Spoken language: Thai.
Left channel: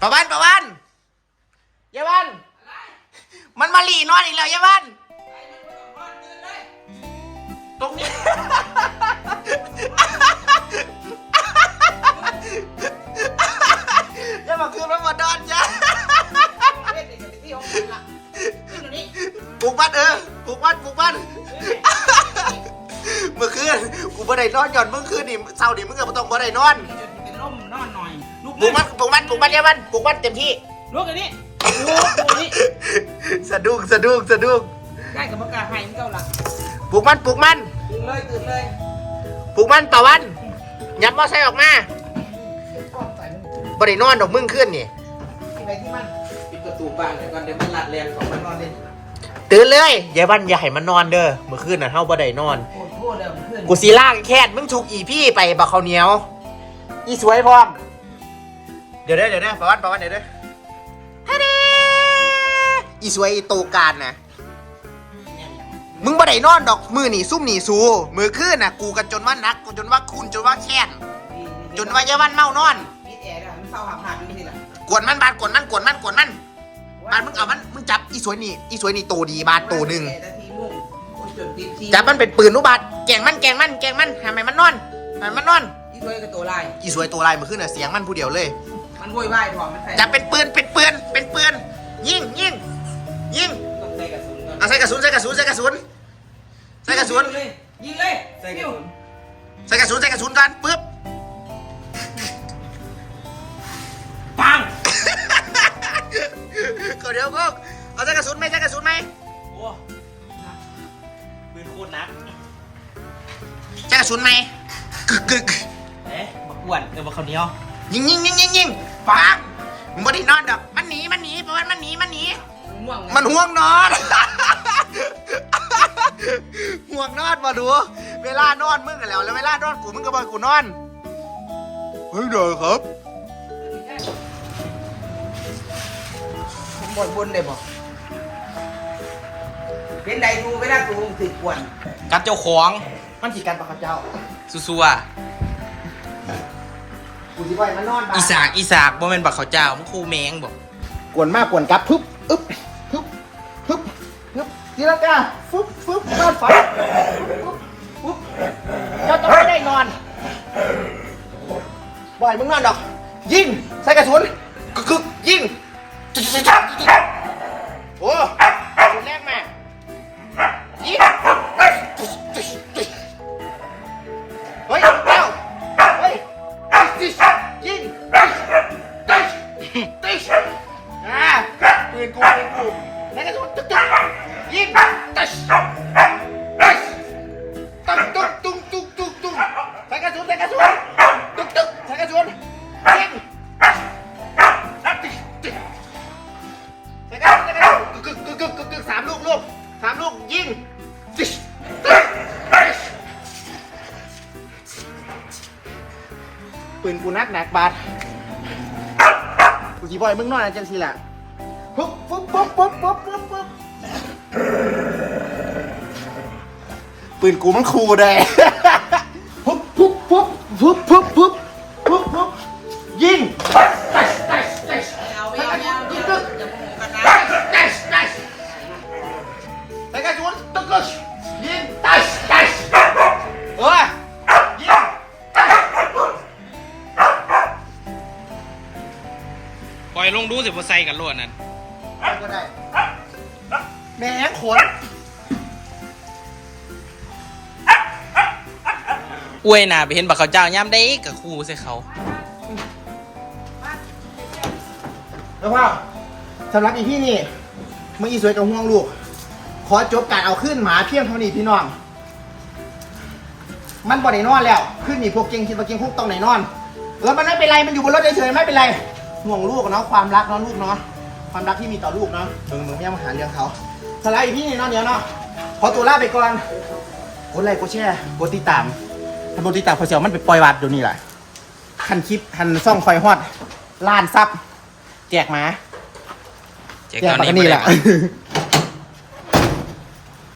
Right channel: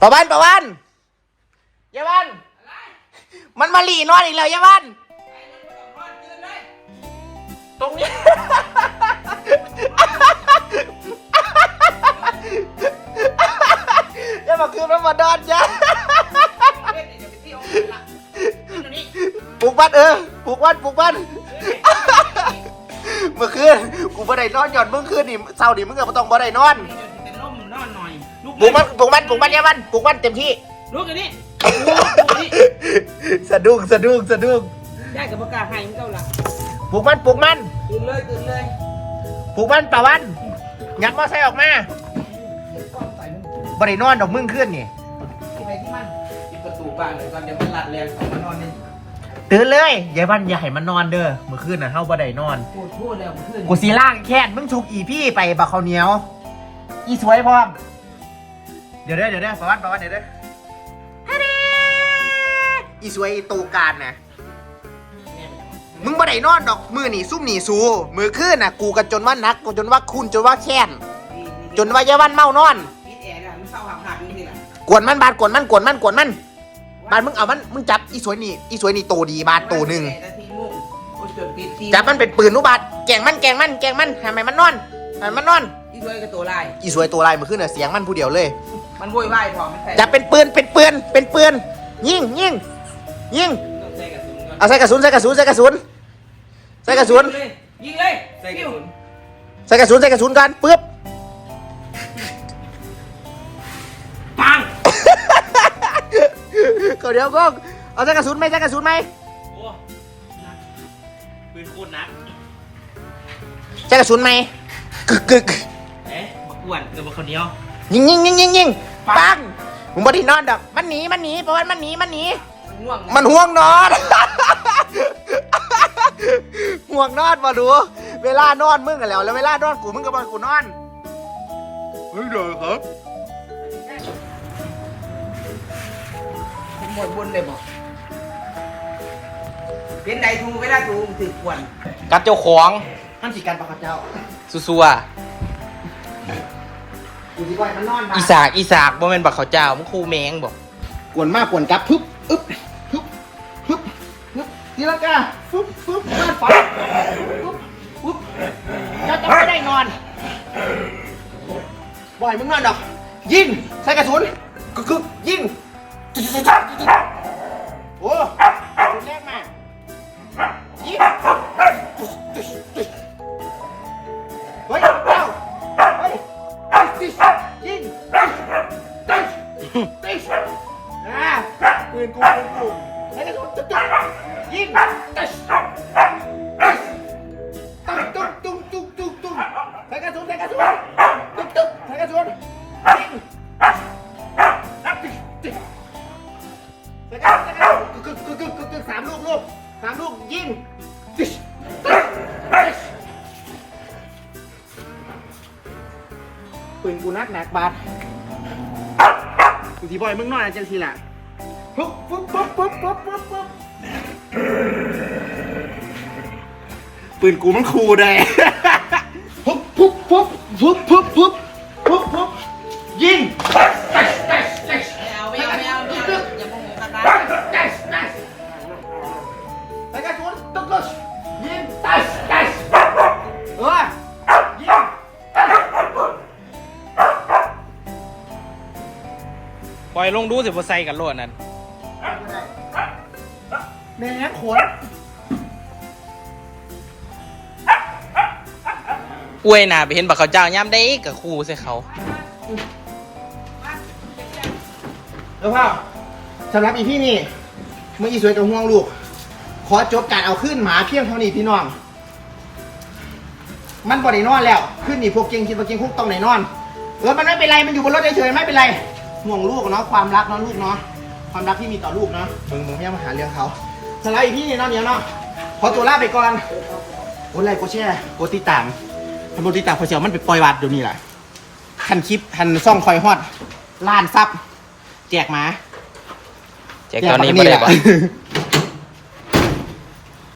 ประวันประวันยายวันมันมาหลีนอนอีกแล้วยายวันตรงนี้ย่ามาคืนมันมาดอนจ้ะปลุกบ้านเออปลุกบ้านปลุกบ้านเมื่อคืนกูบ่ได้นอนหย่อนเมื่อคืนนี่เช้านี่มึงก็บ่ต้องบ่ได้นอน เป็นลมนอนหน อยลูกปลุกมันปลุกมันปลุกมันยายวันปลุกมันเต็มที่ลูกอันนี้ลูกอันนี้สะดุ้งสะดุ้งสะดุ้งได้กับประกาศให้มันเก่าละปลุกมันปลุกมันตื่นเลยตื่นเลยปลุกมันตะวันยับมอไซค์ออกมาก้องใส่มึงบ่ได้นอนดอกมึงขึ้นนี่ที่ไปที่มันปิดประตูบ้านแต่ก่อนเดี๋ยวมันหลัดแรงของมันนอนเล่นตื่นเลยยายวันอย่าให้มันนอนเด้อเมื่อคืนน่ะเฮาบ่ได้นอนโคตรโคตรเดิมเพื่อนกูสีล่างแค่นมึงถูกอีพี่ไปบักข้าวเหนียว อีสวยพร้อม เดี๋ยวเด้อเดี๋ยวเด้อประวันประวันเดี๋ยวเด้อฮะเด้อีสวยอีโตการนะมึงบ่ได้นอนดอกมือนี่ซุ่มนี่สูมือคืนน่ะ กูกันจนว่านักกูจนว่าคุณจนว่าแค้นจนว่ายายวันเมานอนปิดแอร์แล้วมันเศร้าหักหักอยู่นี่แหละกวนมันบาดกวนมันกวนมันกวนมันบาดมึงเอามันมึงจับอีสวยนี่อีสวยนี่โตดีบาดโตหนึ่งนาทีมุ่งโอ้ยจนปิดทีจับมันเป็นปืนนุบาดแกล้งมันแกล้งมันแกล้งมันทำไมมันนอนทำไมมันนอนที่ด้วยกับตัวลายอีสวยตัวลายมือขึ้นน่ะเสียงมันผู้เดียวเลย มันโวยวายพอมันใส่จับเป็นปืนเป็นปืนเป็นปืนยิงยิงยิงต้องใส่กระสุนก่อนเอาใส่กระสุนใส่กระสุนใส่กระสุนใส่กระสุนยิงเลยใส่กระสุนใส่กระสุนใส่กระสุนกันปึ๊บปังเขาเดี๋ยวก็เอาใส่กระสุนไหมใส่กระสุนไหมโอ้ปืนโคตรนักใส่กระสุนไหมกึกกึกเอ๊ะบักอ้วนเออบักข้าวเหนียวยิงยิงยิงยิงยิง ปังมึงบ่ได้นอนดอก มันหนีมันหนีเพราะว่ามันหนีมันหนีมันง่วงมันห่วงนอน ห่วงนอนมาดู เวลานอนมึงกันแล้ว แล้วเวลานอนกูมึงก็บอกกูนอนเฮ้ยเดี๋ยวครับหมดบุญเลยบอกเป็นใดดูไม่ได้ดูถือกวนกับเจ้าของมันสิกันปะครับเจ้าซัว กูสิไว้มันนอนอีสากอีสากบ่แม่นบักเขาเจ้ามึงคูแมงบอกกวนมากกวนกับ พึบอึ๊บพึบพึบพึบทีละกาฟึบฟึบบ้านฝันปุ๊บปุ๊บเจ้าจะไม่ได้นอนบ่อยมึงนอนดอก ยิงใส่กระสุนกึกกึกยิงจิ๊ดจิ๊ดจิ๊ดจิ๊ดโอ้กระสุนแรงมากยิง ปืนกูปืนกูแล้วก็ตุ๊กตุ๊กยิงติ๊กติ๊กตุ้งตุ้งตุ้งตุ้งตุ้งใส่กระสุนใส่กระสุนตุ๊กตุ๊กใส่กระสุนยิงติ๊กติ๊กใส่กระสุนใส่กระสุนกึกกึกกึกกึกกึกสามลูกลูกสามลูกยิงติ๊กติ๊กปืนกูนักหนักบาดกูสีบอยมึงนอนอะไรจังสิล่ะ ปุ๊บปุ๊บปุ๊บปุ๊บปุ๊บปุ๊บปุ๊บปืนกูมันคูได้ปุ๊บปุ๊บปุ๊บปุ๊บปุ๊บปุ๊บปุ๊บปุ๊บยิงเอาไม่เอาไม่เอาไม่เอาเดี๋ยวมึงคณะไปกระสุนตุ๊กตุ๊กยิงตัชตัชเออยิงปล่อยลงดูสิบ่ใส่กันโลดนั่น แม่งขนอวยหน้าไปเห็นบักเขาเจ้าย่ำได้กับครูใส่เขาแล้วพ่อสำหรับอีพี่นี่เมื่ออีสวยกับห่วงลูก ขอจบการเอาขึ้นหมาเพียงเท่านี้พี่น้อง มันบ่ได้นอนแล้วขึ้นนี่พวกเก่งคิดว่าเก่งคุกต้องไหนนอนเออมันไม่เป็นไรมันอยู่บนรถเฉยๆไม่เป็นไรห่วงลูกเนาะความรักเนาะลูกเนาะ ความรักที่มีต่อลูกเนาะมึงมึงไม่เอามาหาเรื่องเขาสำหรับอีพี่นี่เนาะเดี๋ยวเนาะขอตัวลาไปก่อนกดไลค์กดแชร์กดติดตามทำโดติดตามพอเสียวมันไปปล่อยวัดเดี๋ยวนี้แหละทันคลิปทันซ่องคอยฮอดล้านซับแจกหมา แจกตอนนี้บ่ได้บ่แจกปาก